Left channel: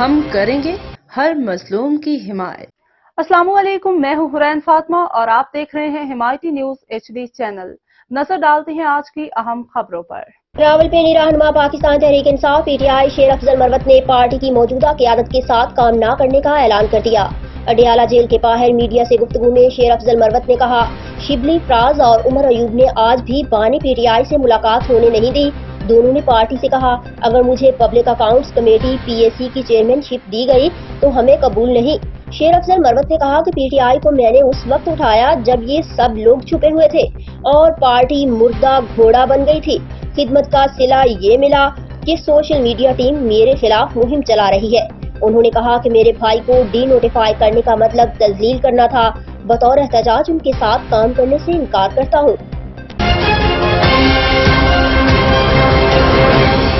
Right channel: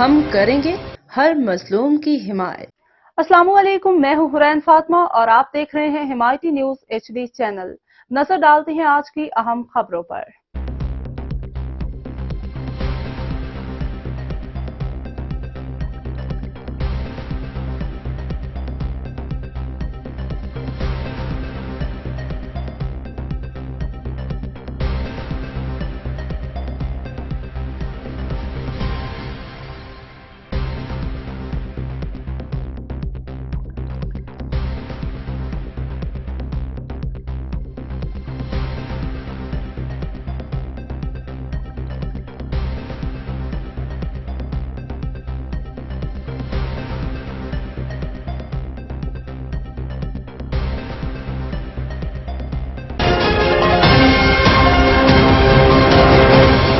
ہم کریں گے ہر مظلوم کی حمایت۔ السلام علیکم، میں ہوں حرین فاطمہ اور آپ دیکھ رہے ہیں ہمائٹی نیوز HD چینل۔ نظر ڈالتے ہیں آج کی اہم خبروں پر۔ راولپنڈی رہنما پاکستان تحریک انصاف PTI شیر افضل مروت نے پارٹی کی موجودہ قیادت کے ساتھ کام نہ کرنے کا اعلان کر دیا۔ اڈیالہ جیل کے باہر میڈیا سے گفتگو میں شیر افضل مروت نے کہا، شبلی فراز اور عمر ایوب نے آج بھی بانی PTI سے ملاقات ہونے نہیں دی۔ دونوں نے پارٹی سے کہا، اگر مجھے پبلک اکاؤنٹس کمیٹی PAC کی چیئرمین شپ دی گئی تو ہمیں قبول نہیں۔ شیر افضل مروت نے کہا کہ PTI کو میں نے اس وقت اٹھایا جب یہ سب لوگ چھپے ہوئے تھے اور پارٹی مردہ گھوڑا بن گئی تھی۔ خدمت کا صلہ یہ ملا کہ سوشل میڈیا ٹیم میرے خلاف مہم چلا رہی ہے۔ انہوں نے کہا کہ میرے بھائی کو ڈی نوٹیفائی کرنے کا مطلب تذلیل کرنا تھا۔ بطور احتجاج ان کے ساتھ کام کرنے سے انکار کرتا ہوں۔